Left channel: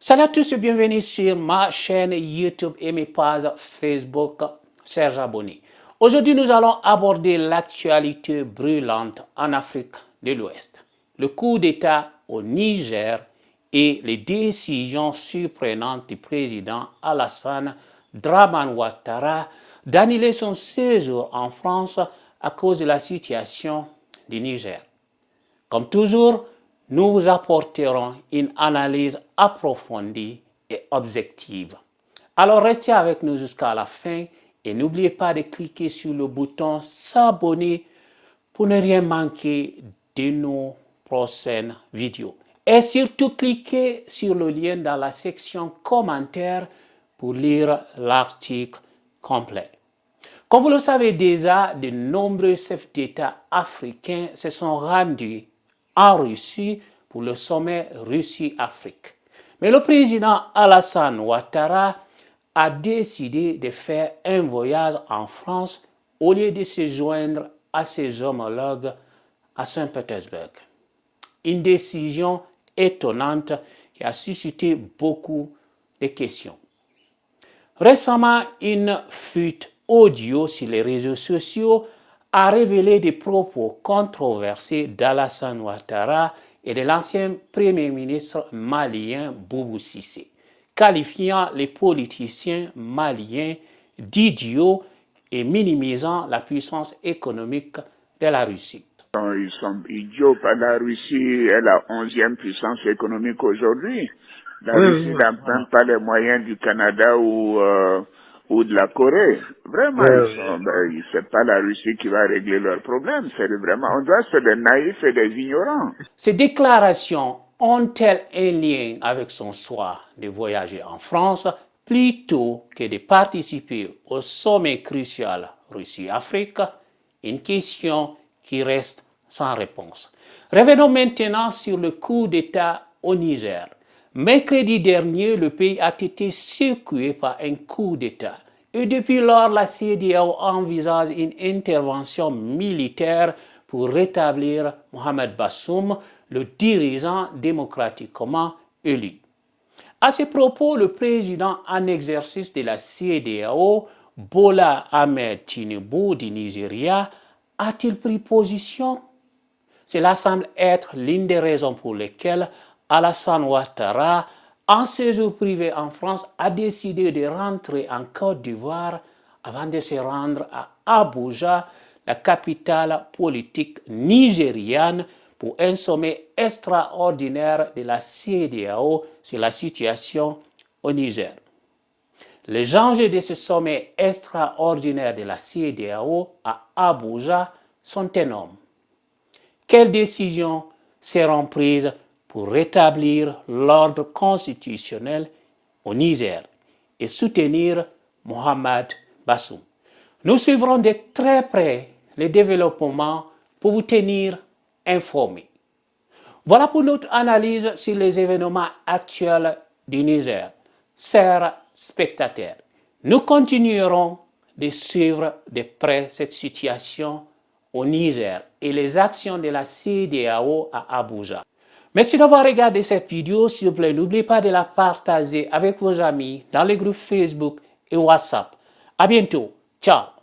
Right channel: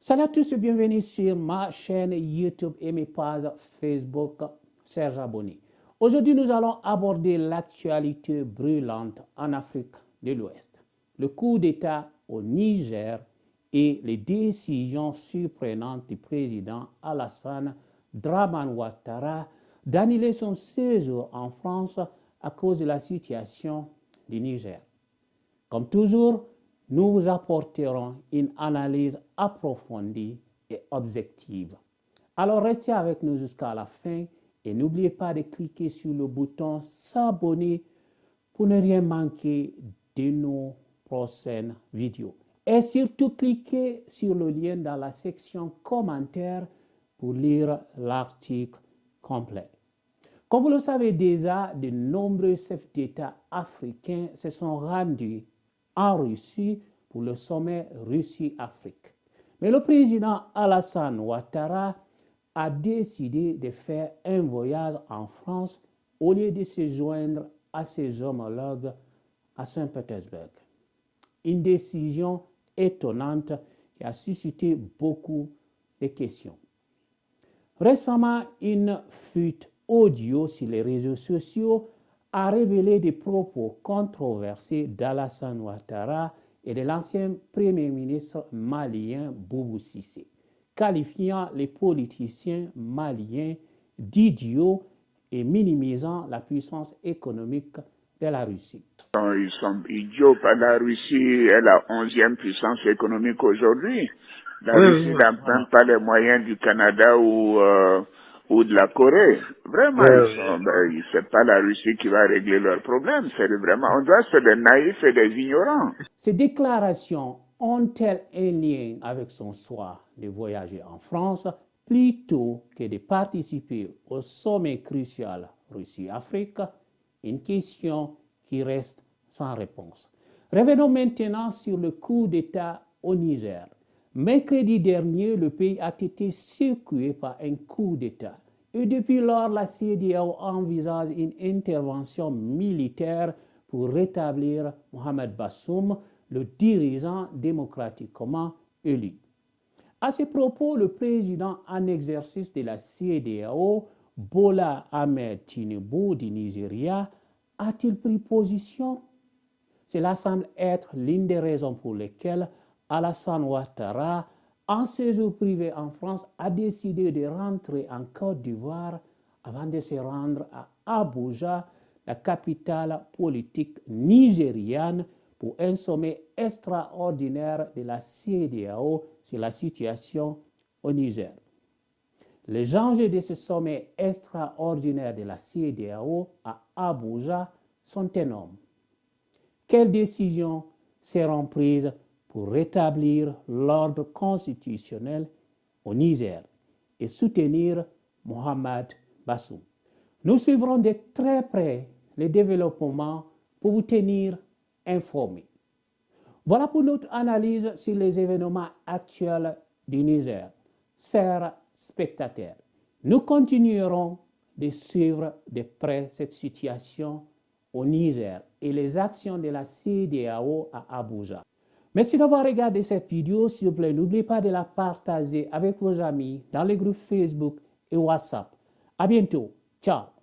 Salut à tous et bienvenue sur ma chaîne YouTube et mes pages Facebook Serge Abonné. Aujourd'hui, nous allons aborder l'actualité brûlante en Afrique de l'Ouest, le coup d'État au Niger et les décisions surprenantes du président Alassane Dramane Ouattara d'annuler son séjour en France à cause de la situation du Niger. Comme toujours, nous vous apporterons une analyse approfondie et objective. Alors restez avec nous jusqu'à la fin et n'oubliez pas de cliquer sur le bouton s'abonner pour ne rien manquer de nos prochaines vidéos. Et surtout, cliquez sur le lien dans la section commentaires pour lire l'article complet. Comme vous le savez déjà, de nombreux chefs d'État africains se sont rendus en Russie pour le sommet Russie-Afrique. Mais le président Alassane Ouattara a décidé de faire un voyage en France au lieu de se joindre à ses homologues à Saint-Pétersbourg. Une décision étonnante qui a suscité beaucoup de questions. Récemment, une fuite audio sur les réseaux sociaux a révélé des propos controversés d'Alassane Ouattara et de l'ancien Premier ministre malien Boubou Cissé, qualifiant les politiciens maliens d'idiots et minimisant la puissance économique de la Russie. Ils sont idiots, la Russie est la 11e puissance économique aujourd'hui. La Russie n'a même pas les moyens du Canada ou de la Corée. Vraiment, c'est pas la Russie qui va régler leurs problèmes. C'est vraiment, on doit être des naïfs et des ignorants. Ces déclarations ont-elles un lien avec son choix de voyager en France plutôt que de participer au sommet crucial Russie-Afrique? Une question qui reste sans réponse. Revenons maintenant sur le coup d'État au Niger. Mercredi dernier, le pays a été secoué par un coup d'État. Et depuis lors, la CEDEAO envisage une intervention militaire pour rétablir Mohamed Bazoum, le dirigeant démocratiquement élu. À ce propos, le président en exercice de la CEDEAO, Bola Ahmed Tinubu du Nigeria, a-t-il pris position? Cela semble être l'une des raisons pour lesquelles Alassane Ouattara, en séjour privé en France, a décidé de rentrer en Côte d'Ivoire avant de se rendre à Abuja, la capitale politique nigériane, pour un sommet extraordinaire de la CEDEAO sur la situation au Niger. Les enjeux de ce sommet extraordinaire de la CEDEAO à Abuja sont énormes. Quelles décisions seront prises pour rétablir l'ordre constitutionnel au Niger et soutenir Mohamed Bazoum? Nous suivrons de très près les développements pour vous tenir informés. Voilà pour notre analyse sur les événements actuels du Niger. Chers spectateurs, nous continuerons de suivre de près cette situation au Niger et les actions de la CEDEAO à Abuja. Merci d'avoir regardé cette vidéo. S'il vous plaît, n'oubliez pas de la partager avec vos amis dans les groupes Facebook et WhatsApp. À bientôt. Ciao.